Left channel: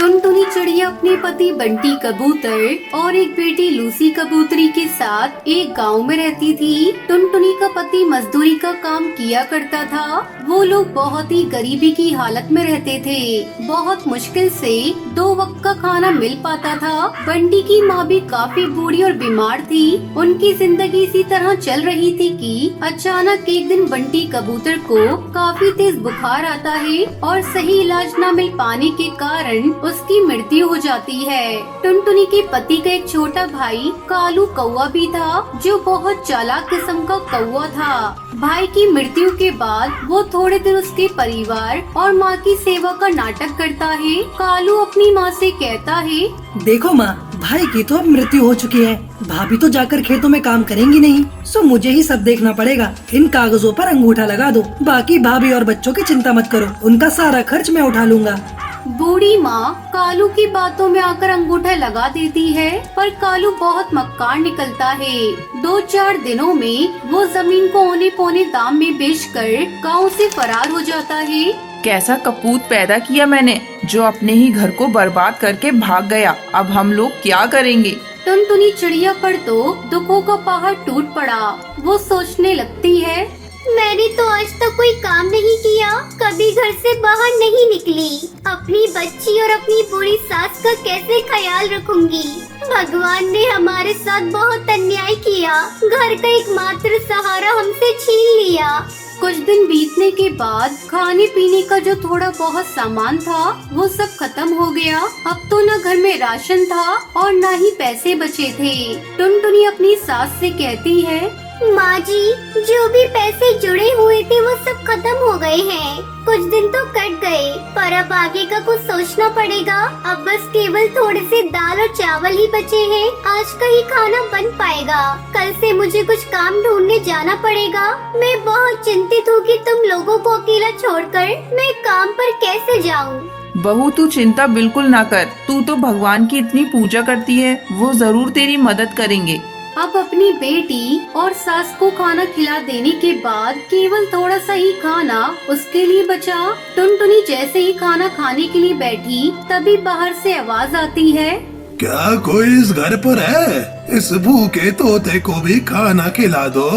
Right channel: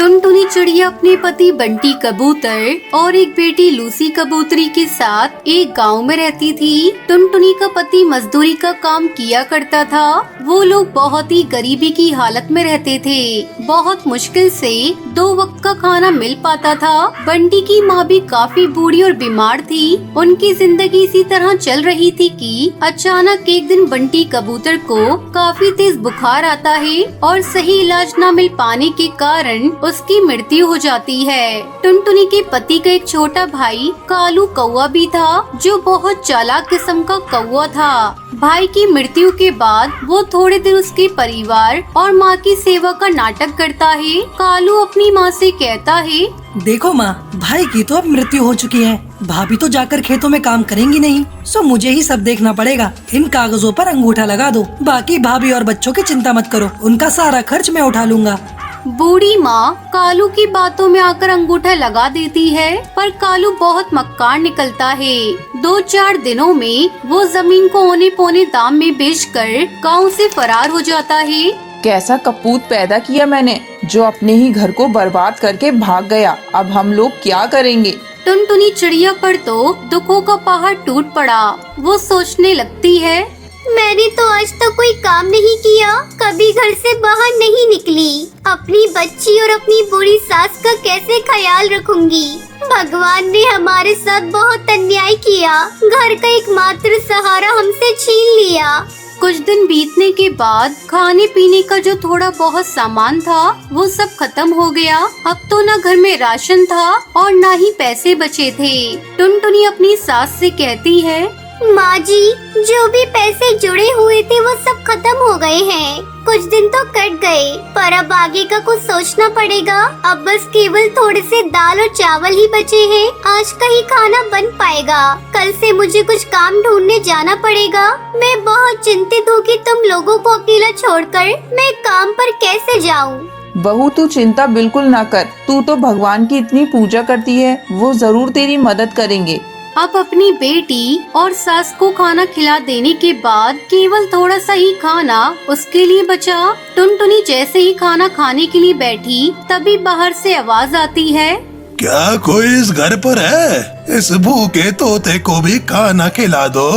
टुनटुनी चिड़िया अपने पति बंटी कबूतर और एक बेटी लूसी कबूतरी के साथ एक गांव में रहती थी। टुनटुनी का पति मजदूरी का काम किया करता था। वो लोग बहुत ही गरीबी की हालत में रहते थे। बहुत मुश्किल से 2 वक्त का खाना मिल पाता था। बंटी की माँ भी काफी बूढ़ी और बीमार थी। उनकी जिंदगी इसी तरह चल रही थी कि अचानक एक दिन बंटी कबूतर को काफी तेज बुखार आता है और सही इलाज न मिल पाने के कारण उसकी मृत्यु हो जाती है। टुनटुनी के पति का एक छोटा भाई कालू कौवा भी था, जो बहुत चालाक किस्म का कौवा था। भाई की मृत्यु के बाद वो थोड़े दिन उसके परिवार और माँ की सेवा का नाटक करता है। कालू अपनी माँ से कहता है, देखो माँ, भाई की तो अब मृत्यु हो चुकी है। भाभी तो जाकर खेतों में काम करेंगी नहीं, सो मुझे ही सब देखना पड़ेगा। इन कागजों पर अंगूठा लगा दो। बाकी भाभी और बच्चों की चिंता मत करो, उनका सारा खर्च मैं उठा लूंगा। बूढ़ी माँ कालू की बातों में आकर अंगूठा लगा देती है, पर कालू बहुत मक्कार निकलता है। 2-4 दिनों में वो जमीन को औने पौने दाम में बेचकर गांव से फरार हो जाता है। कैसा कपूत पैदा किया मैंने, जो अपने ही घर को बर्बाद करके भाग गया। अब हम लोग क्या करेंगे। टुनटुनी चिड़िया पर तो दुखों का पहाड़ टूट पड़ा। वो सोचने लगती है, मैंने तो आज तक कोई काम नहीं किया, कभी घर से बाहर नहीं निकली। अपनी बच्ची और अपनी बूढ़ी सास का कैसे ख्याल रखूंगी। भगवान ने हमारे साथ बहुत अन्याय किया। घर का एकमात्र सहारा हमसे छीन लिया। कुछ दिन बीतने के बाद खाने पीने का जो थोड़ा बहुत सामान था वो सब खत्म हो गया। अब तो न घर में राशन था और न ही पैसे बचे थे। टुनटुनी अपनी सास से कहती है, माँ जी, जो भी पैसे जुड़े हुए थे वो सब खत्म हो गए हैं। कुछ दिन तो कट गए, पर अब आगे का कुछ सोचना पड़ेगा। अब बस केवल थोड़े से दाल और चावल ही बचे हैं। आज का ही खाना बन पाएगा। कल से मुझे कुछ काम ढूंढने जाना पड़ेगा। मैं बहुत चिंतित हूँ कि तुम लोगों को अकेला छोड़कर मैं काम पर कैसे जाऊँ। बहू, तू चिंता बिल्कुल ना कर। तू तो भगवान की इतनी पूजा करती है, वो जरूर तेरी मदद करेंगे। अब अपनी बेटी और सास को खाना खिला देने के बाद केवल थोड़ा सा ही खाना उसके लिए बचा। टुनटुनी जैसे ही खाना खाने के लिए बैठी, तभी बाहर से आवाज आती है, क्या कोई इस घर पर है? इस भूखे तोते को भी खाना खिला दो।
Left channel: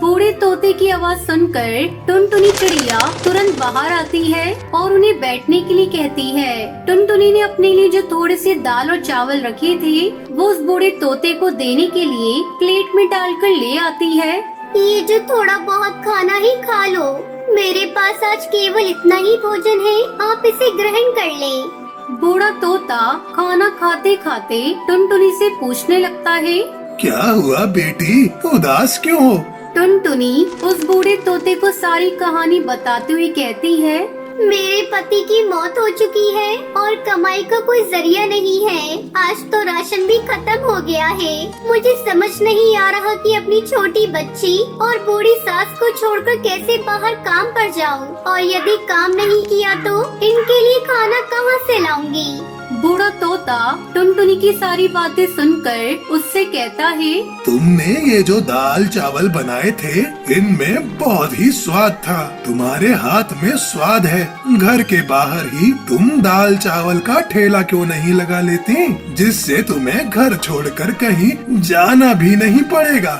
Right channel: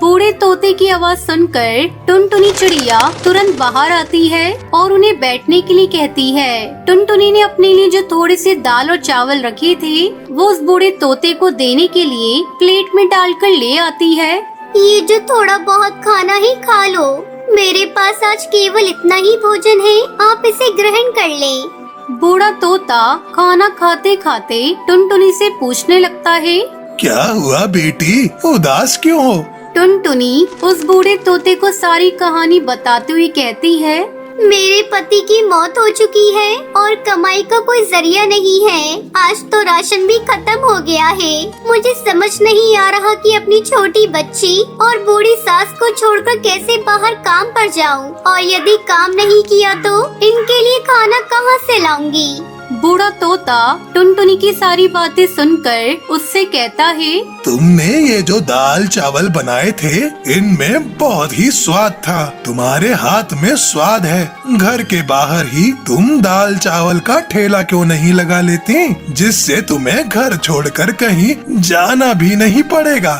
बूढ़े तोते की आवाज सुनकर टुनटुनी चिड़िया तुरंत बाहर आती है और उन्हें बैठने के लिए कहती है। टुनटुनी ने अपने लिए जो थोड़े से दाल और चावल रखे थे वो उस बूढ़े तोते को देने के लिए प्लेट में डालकर ले आती है। ये जो थोड़ा बहुत खाना ही खा लो। मेरे पास आज केवल इतना ही भोजन है, आप इसे ग्रहण कर लें। बूढ़ा तोता खाना खाते खाते टुनटुनी से पूछने लगता है, क्या हुआ बेटी, उदास क्यों हो? टुनटुनी उस बूढ़े तोते को सारी कहानी बताते हुए कहती है, मेरे पति की मौत हो चुकी है और कमाई का कोई जरिया नहीं है। आज तो राशन भी खत्म हो गया है। मुझे समझ नहीं आ रहा कि अपनी छोटी बच्ची और बूढ़ी सास को छोड़कर कैसे बाहर काम पर जाऊं, और यदि काम नहीं किया तो इनके लिए खाना कहां से लाऊंगी। बूढ़ा तोता टुनटुनी की सारी बातें सुनकर उससे कहता है, तुमने ये जो दाल चावल बनाए थे, इनमें बहुत ही स्वाद था। तुम्हारे हाथ में स्वाद है। घर के बाहर ही तुम दाल चावल का ठेला क्यों नहीं लगा लेती, जिससे तुम्हें घर छोड़कर कहीं जाना भी नहीं पड़ेगा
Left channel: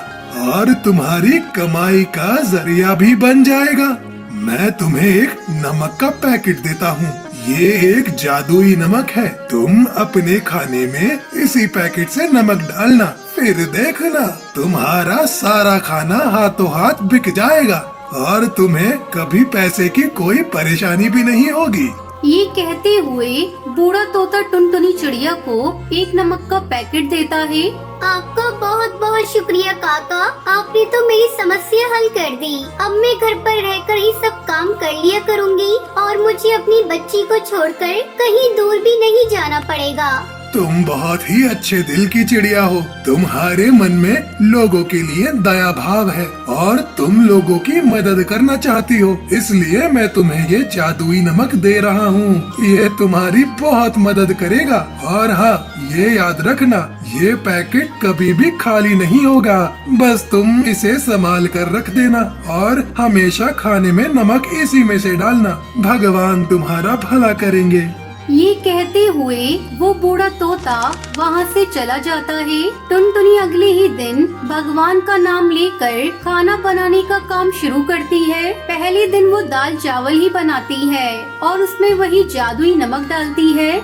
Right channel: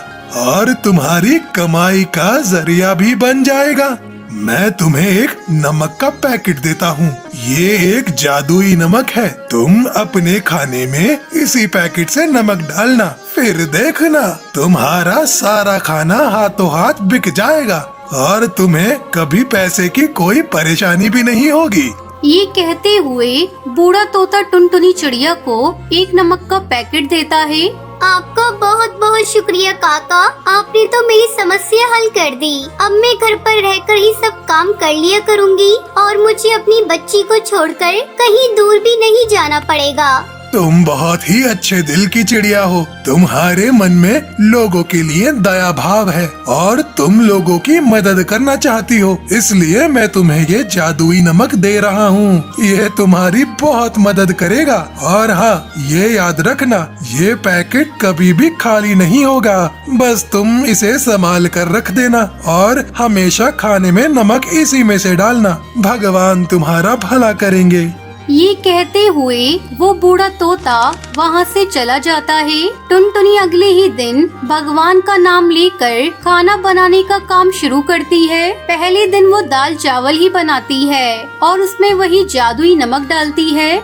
और तुम्हारी कमाई का जरिया भी बन जाएगा। मैं तुम्हें एक नमक का पैकेट देता हूँ। ये एक जादुई नमक है। तुम अपने खाने में इसी पैकेट से नमक डालना, फिर देखना तुम्हारा सारा खाना हाथों हाथ बिक जाएगा और तुम्हें कभी पैसे की कोई परेशानी भी नहीं होगी। ये कहते हुए बूढ़ा तोता टुनटुनी चिड़िया को एक नमक का पैकेट देता है। आपका बहुत बहुत शुक्रिया काका, आपने तो मेरी समस्या हल कर दी। अब मैं घर पर रहकर ही सब काम कर लिया करूँगी और मुझे अपनी बच्ची को छोड़कर कहीं दूर भी नहीं जाना पड़ेगा। तुम बहुत ही अच्छे दिल की चिड़िया हो। तुम्हारे मन में लोगों के लिए दया भाव है और तुम लोगों की मदद करना चाहती हो, इसलिए मैं तुम्हें ये जादुई नमक दे रहा हूँ। ये तुम्हारी बहुत मदद करेगा। और हाँ, ये याद रखना, ये पैकेट कभी भी खाली नहीं होगा। बस तुम इसे संभाल कर रख देना और हमेशा खाने में नमक इसी में से डालना। भगवान तुम्हारा भला करेंगे। ये कहते हुए वो बूढ़ा तोता वहाँ से चला जाता है। टुनटुनी अगले ही दिन भगवान का नाम लेकर खाना बनाने का काम शुरू करती है। पहले दिन वो दाल चावल ही बनाती है और उसमें वही जादुई नमक डालती है।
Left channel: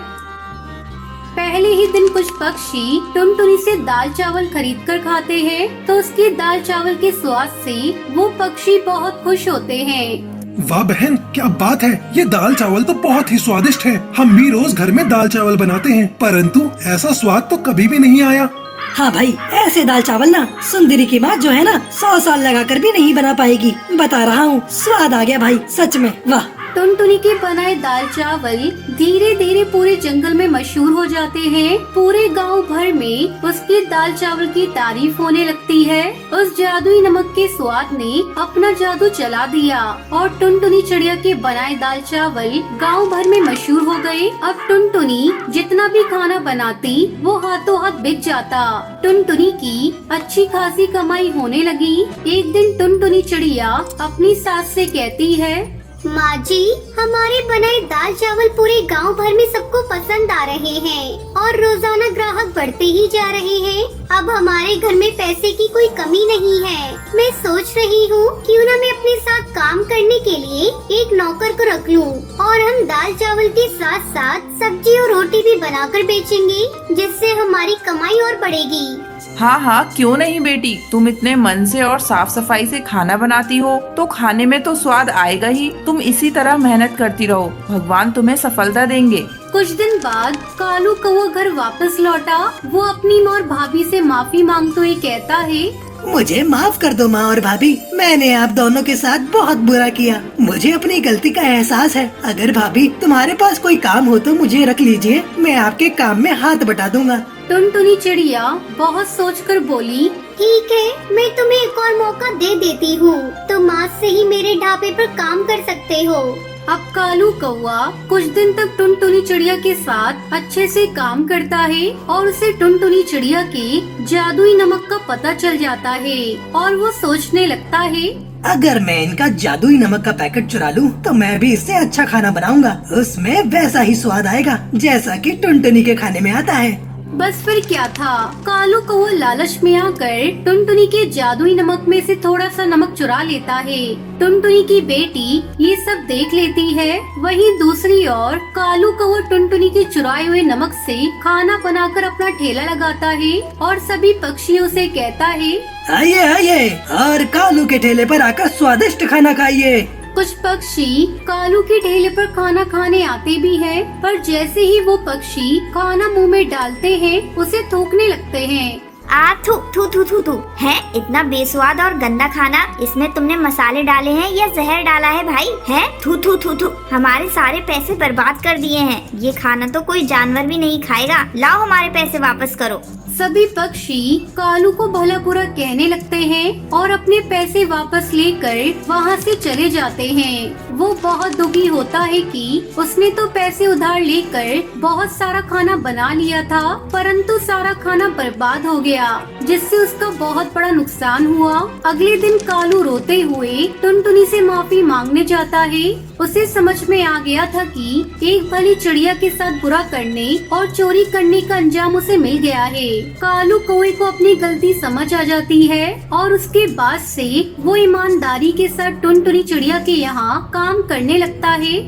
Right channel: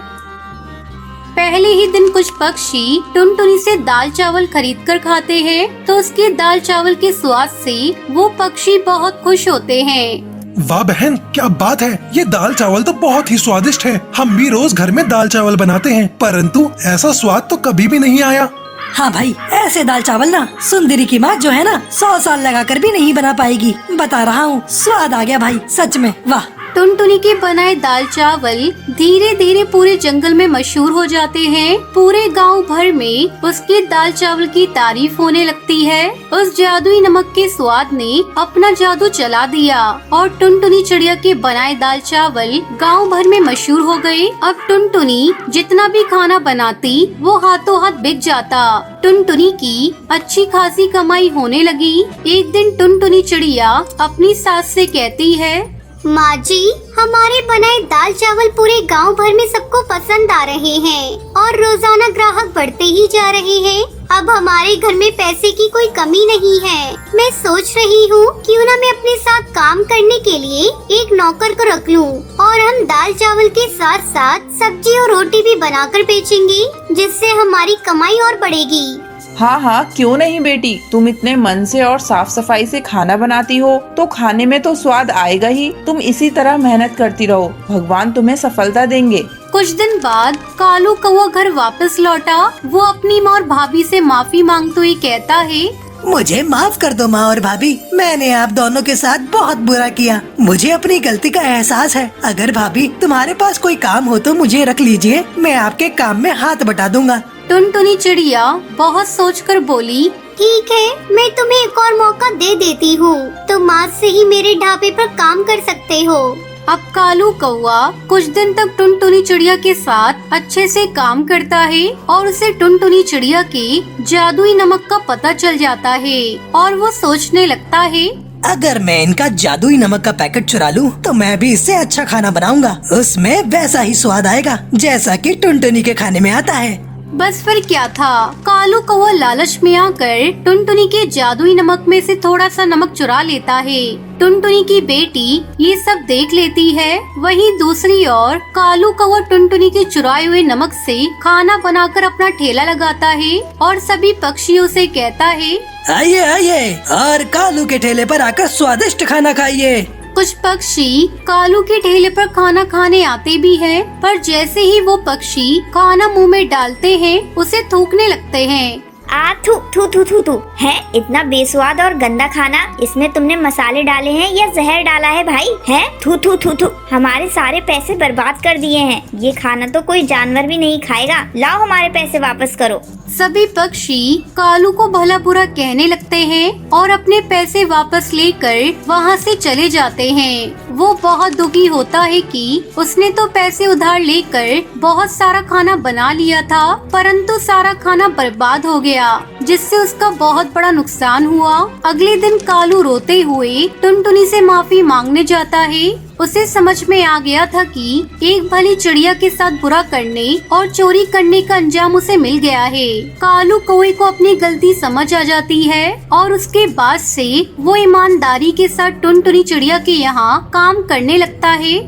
पहले ही दिन कुछ पक्षी टुनटुनी से दाल चावल खरीद कर खाते हैं, तो उसके दाल चावल के स्वाद से वो पक्षी बहुत खुश होते हैं। वाह बहन, क्या बात है। ये दाल चावल तो बहुत ही स्वादिष्ट है। हम भी रोज घर में दाल चावल बनाते हैं, परंतु ऐसा स्वाद तो कभी भी नहीं आया। हाँ भाई, ऐसे दाल चावल ना सुंदरी की माँ जो है ना 100 साल लगा कर भी नहीं बना पाएगी। बता रहा हूँ, स्वाद आ गया भाई, सच में वाह। टुनटुनी के बनाए दाल चावल धीरे धीरे पूरे जंगल में मशहूर हो जाते हैं। पूरे गांव भर में उसके दाल चावल की तारीफ होने लगती है। उस जादुई नमक के स्वाद ने अपना जादू चला दिया और टुनटुनी चिड़िया के बनाए दाल चावल गांव भर में मशहूर हो गए। अब टुनटुनी जितना भी खाना बनाती वो हाथों हाथ बिक जाता। टुनटुनी की अच्छी खासी कमाई होने लगी। एक दिन टुनटुनी चिड़िया अपनी सास से कहती है, माँ जी, हमारे बनाए दाल चावल पूरे गांव भर में सबको पसंद आ रहे हैं और रोजाना ग्राहक बढ़ते ही जा रहे हैं। अब हमारे घर में पैसे की कोई कमी नहीं है। मैं सोच रही हूँ क्यों ना मैं अपने साथ काम करने के लिए एक नौकर को रख लूँ और हम दाल चावल के साथ साथ सब्जी और रोटी भी बनाकर बेचेंगे, जिससे हमारी कमाई और बढ़ेगी। हाँ हाँ, क्यों नहीं बेटी। तुम इतने मन से और साफ सफाई से खाना बनाती हो तो खाने में तो स्वाद आएगा ही। तुम इसी तरह मेहनत करती रहो, भगवान तुम्हें सफलता देंगे। कुछ दिन बाद कालू कौवा घर वापस लौटा। वो अपनी माँ और भाभी से माफी मांगते हुए कहता है, मुझे माफ कर दो माँ और भाभी, मैंने आप दोनों के साथ बहुत बुरा किया। मुझे अपनी गलती का एहसास है। अगर भाभी तुम्हारे पास कोई काम हो तो मुझे रख लीजिए, मैं आपके काम में हाथ बटा दूंगा। टुनटुनी चिड़िया बहुत सोचकर बोली, ठीक है, मैं तुम्हें एक और मौका दे देती हूँ। तुम आज से ही मेरे ढाबे पर काम कर सकते हो। अब कालू कौवा कुछ दिन तक टुनटुनी चिड़िया के साथ अच्छे से काम करता है और उसे टुनटुनी चिड़िया के जादुई नमक का पता चल जाता है और वो सोचने लगता है, अगर मैं इनका जादुई नमक का पैकेट चुरा लूं, तो मैं भी इससे अच्छा खाना बनाऊंगा। उसमें वैसा ही स्वाद आएगा जैसा कि टुनटुनी के खाने में आता है। बस फिर क्या था, कालू कौवा लालच में आकर टुनटुनी के जादुई नमक में से थोड़ा सा नमक चुरा लेता है। टुनटुनी की बेटी ये सब देख लेती है। वहीं दूसरी ओर कालू कौवा टुनटुनी के चुराए हुए नमक से खाना बनाकर अपना ठेला लगाता है और सभी पक्षियों से कहता है, आइए आइए और कालू के ठेले पर आकर स्वादिष्ट खाना खाइए। कुछ पक्षी कालू के ठेले पर खाना खाने आते भी हैं, पर जैसे ही वो पक्षी खाना मुंह में डालते हैं उसे थूकने लगते हैं। आ थू थू थू थू थू है, इतना बेस्वाद और गंदा खाना। इसमें तुमने मसाले डाले हैं या जहर डाला है भाई? है थू थू थू थू, हमारे सारे पैसे बर्बाद कर दिए हैं। ये खाना तो कोई जानवर भी नहीं खाएगा। लाओ हमारे पैसे वापस करो। सभी पक्षी कालू को भला बुरा कहने लगते हैं और अपने पैसे वापस लेकर वहाँ से चले जाते हैं। वो बहुत दुखी होता है कि उसने तो पैसे उधार लेकर बहुत सारा खाना बना लिया था, परंतु सारा खाना बर्बाद हो गया, जिससे उसका बहुत बड़ा नुकसान हुआ। अगले दिन कालू रोते हुए टुनटुनी से माफी मांगने जाता है। उसे समझ में आ गया था कि एक भली चिड़िया के साथ बुरा करने और चोरी करने का अंजाम उसे मिल गया है। कालू कौवे को अपनी गलती समझ आ जाती है और उसके बाद से वो ईमानदारी के साथ टुनटुनी चिड़िया के यहाँ काम करने लगता है।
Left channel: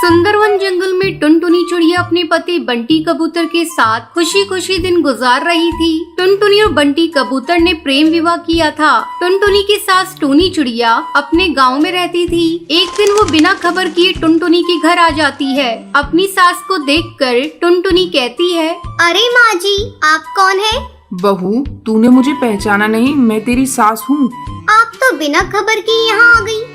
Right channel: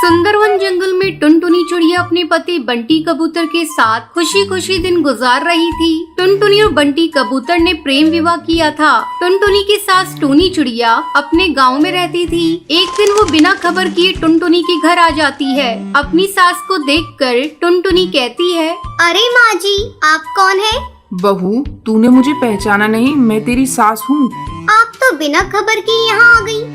सुंदरवन जंगल में टुनटुनी चिड़िया अपने पति बंटी कबूतर के साथ खुशी खुशी दिन गुजार रही थी। टुनटुनी और बंटी कबूतर ने प्रेम विवाह किया था। टुनटुनी की सास टूनी चिड़िया अपने गांव में रहती थी। एक दिन वो बिना खबर किए टुनटुनी के घर आ जाती है। अपनी सास को देखकर टुनटुनी कहती है, अरे माँ जी, आप कौन है? बहू, तूने मुझे पहचाना नहीं? मैं तेरी सास हूँ। आप तो बिना खबर के यहाँ आ गई।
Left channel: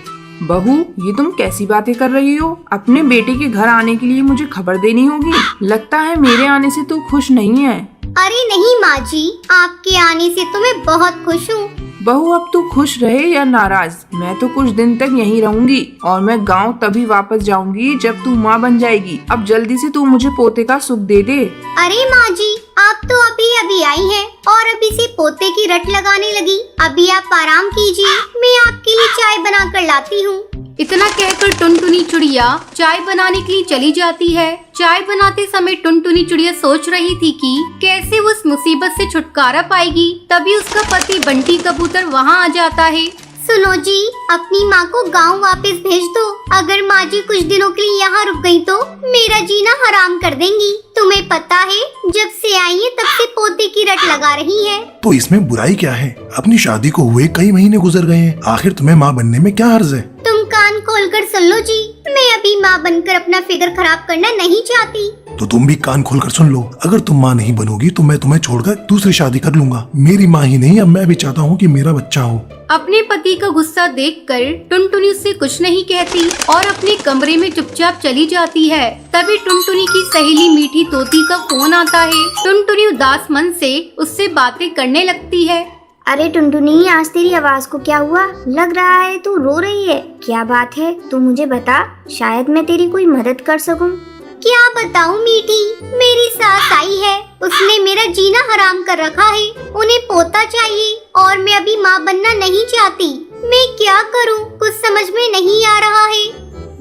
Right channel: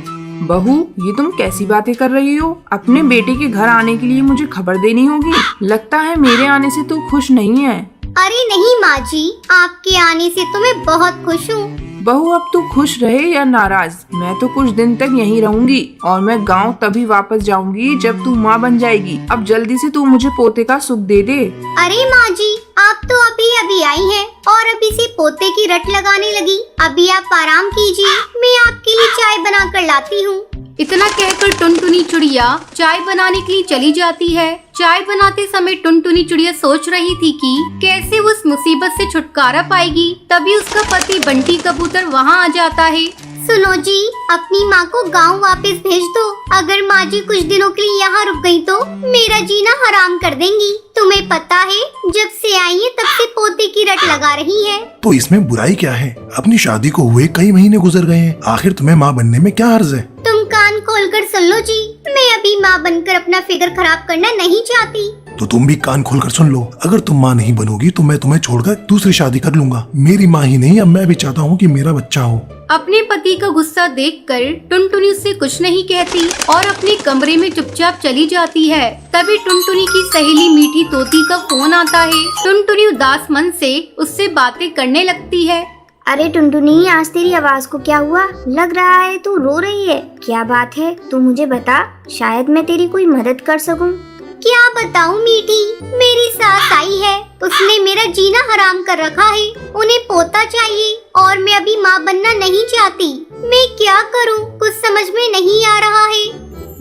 बहू, ये तुम कैसी बातें कर रही हो? अपने बेटे के घर आने के लिए मुझे खबर देनी होगी। लगता है मेरे आने से तू खुश नहीं है। अरे नहीं माँ जी, आपके आने से तो मैं बहुत खुश हूँ। बहू अब तू खुश रहे या नाराज, मैं तो कुछ दिन तक यहीं रहूंगी और मैं गांव तभी वापस जाऊंगी जब तू माँ बन जाएगी। अब जल्दी से तू मुझे पोते का सुख दे दे। अरे माँ जी, आप तो अभी आई हैं और अभी से पोते की रट लगाने लगी। अभी आप आराम कीजिए, मैं आपके लिए चाय बना कर लाती हूँ। इतना कहकर टुनटुनी चिड़िया चाय बनाने के लिए चली जाती है। चाय बनाते समय टुनटुनी चिड़िया सोच रही थी कि कैसे वो उस मुसीबत से छुटकारा पाएगी। तभी उसका पति बंटी कबूतर वहाँ आ जाता है। सुनो जी, अपनी माँ को गांव वापस भेज दो। अगर माँ जी कुछ दिनों के लिए यहाँ रुक गई तो मेरा जीना हराम कर देंगी। तुम्हें पता है, जब से आई है तब से पोते की रट लगा रही है। तो इसमें बुराई क्या है? अपनी शादी को हुए कई महीने गुजर गए हैं, आखिर तुम्हें माँ बनने में क्या हर्ज है? तुम कान खोलकर सुन लो जी, मैं अभी माँ बनकर अपना फिगर खराब करना नहीं चाहती। तो तुम भी कान खोलकर सुन लो, अगर तुम माँ नहीं बनोगी तो मैं तुम्हें छोड़कर दूसरी शादी कर लूंगा। मेरी माँ ही नहीं, अब मैं भी चाहता हूँ कि मेरा बच्चा हो। अपने पति का गुस्सा देखकर टुनटुनी उससे कुछ नहीं कहती और अपने कमरे में चुपचाप चली जाती है। तभी टुनटुनी की सहेली मीठी तोती का फोन आता है। टुनटुनी उदास मन से उससे बातें करने लगती है। अरे टुनटुनी, आज तेरी आवाज को क्या हुआ? लग रहा है तू रो रही है। क्या बात है, तू मुझे बता, शायद मैं तेरी कोई मदद कर सकूं। क्या बताऊं मीठी, मेरी सास आई है, उसने मेरा जीना हराम कर रखा है। उन्हें पोता चाहिए और मैं अभी माँ बनना नहीं चाहती। मैं क्या करूं, कुछ समझ में नहीं आ रहा है।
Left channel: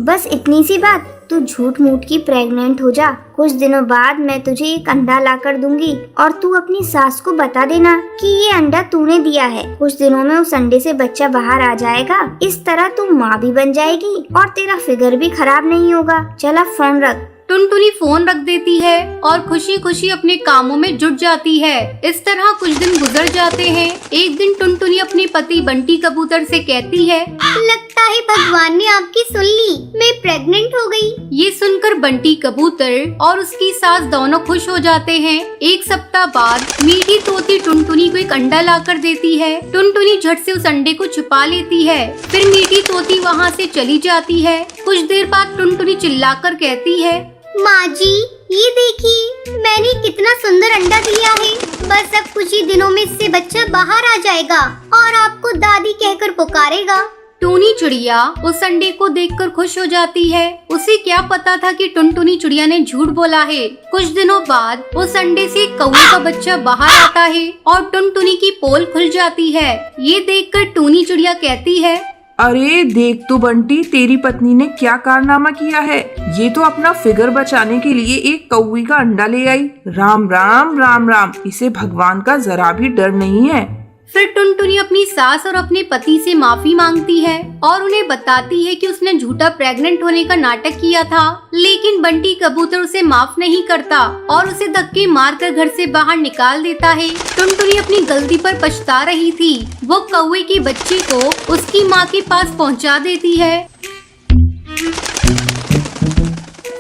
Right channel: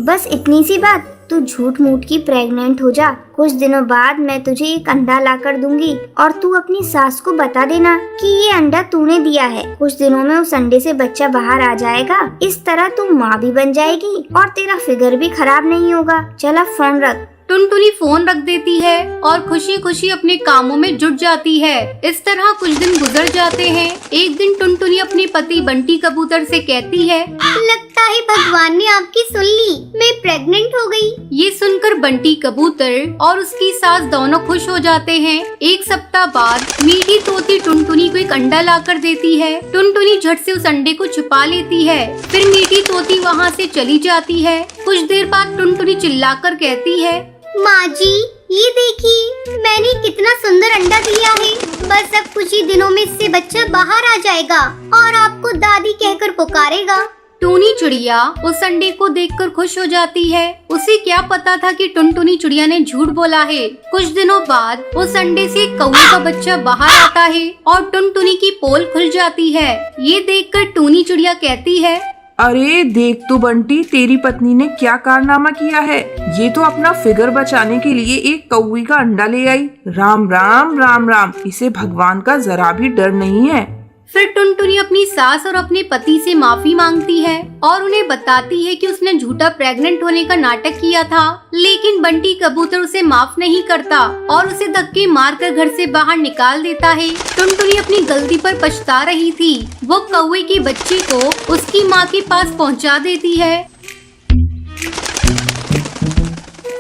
बस इतनी सी बात, तू झूठ मूठ की प्रेग्नेंट हो जा। कुछ दिनों बाद मैं तुझे एक अंडा ला कर दूंगी और तू अपनी सास को बता देना कि ये अंडा तूने दिया है। कुछ दिनों में उस अंडे से बच्चा बाहर आ जाएगा। इस तरह तू माँ भी बन जाएगी और तेरा फिगर भी खराब नहीं होगा। चल अब फोन रख। टुनटुनी फोन रख देती है और खुशी खुशी अपने कामों में जुट जाती है। इस तरह कुछ दिन गुजर जाते हैं। एक दिन टुनटुनी अपने पति बंटी कबूतर से कहती है, लगता है भगवान ने आपकी सुन ली, मैं प्रेग्नेंट हो गई। ये सुनकर बंटी कबूतर और उसकी सास दोनों खुश हो जाते हैं। एक सप्ताह बाद मीठी तोती टुनटुनी को एक अंडा लाकर देती है। टुनटुनी झट से उस अंडे को छुपा लेती है। फिर मीठी तोती वहाँ से चली जाती है। कुछ देर बाद टुनटुनी चिल्लाकर कहती है, माँ जी, ये देखिए, मैंने कितना सुंदर अंडा दिया है। बस अब कुछ ही दिनों में इससे बच्चा बाहर आ जाएगा और आपको दादी कहकर पुकारेगा। टूनी चिड़िया उस अंडे को देखकर खुश हो जाती है। उसे क्या पता था कि टुनटुनी चिड़िया ने झूठ बोला है। कुछ दिनों बाद उस अंडे से एक कौवे का बच्चा बाहर आता है और टुनटुनी की पोल खुल जाती है। ये देखकर टूनी चिड़िया कहती है, अरे देख तो बंटी, तेरी पत्नी ने क्या कारनामा किया है। ये तो अपना फिगर बचाने के लिए एक कौवे का अंडा ले आई। राम राम राम राम, इसे भगवान का जरा भी डर नहीं है। फिर टुनटुनी अपनी सास और अपने पति से माफी मांगती है और उन्हें बताती है कि उसने झूठा प्रेग्नेंट होने का नाटक किया था। लेकिन बंटी कबूतर उसे माफ नहीं करता और उसे धक्के मारकर घर से बाहर निकाल देता है। टुनटुनी अपनी गलती पर पछता रही थी। वो कौवे के बच्चे को उसकी माँ के पास पहुँचा देती है।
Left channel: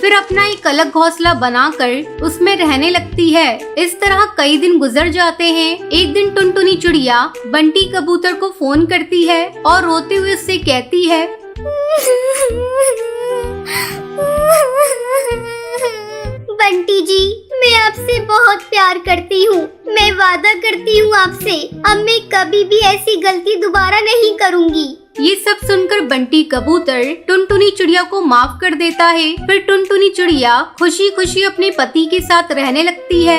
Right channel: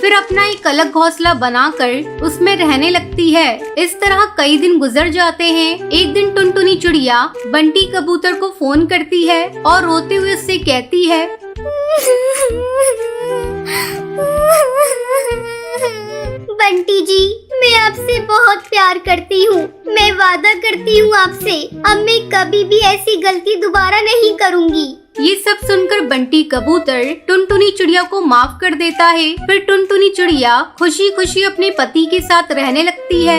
फिर अपना एक अलग घोंसला बनाकर उसमें रहने लगती है। इस तरह कई दिन गुजर जाते हैं। एक दिन टुनटुनी चिड़िया बंटी कबूतर को फोन करती है और रोते हुए उससे कहती है, बंटी जी, मैं आपसे बहुत प्यार करती हूँ। मैं वादा करती हूँ आपसे, अब मैं कभी भी ऐसी गलती दोबारा नहीं करूँगी। ये सब सुनकर बंटी कबूतर टुनटुनी चिड़िया को माफ कर देता है। फिर टुनटुनी चिड़िया खुशी खुशी अपने पति के साथ रहने लगती है।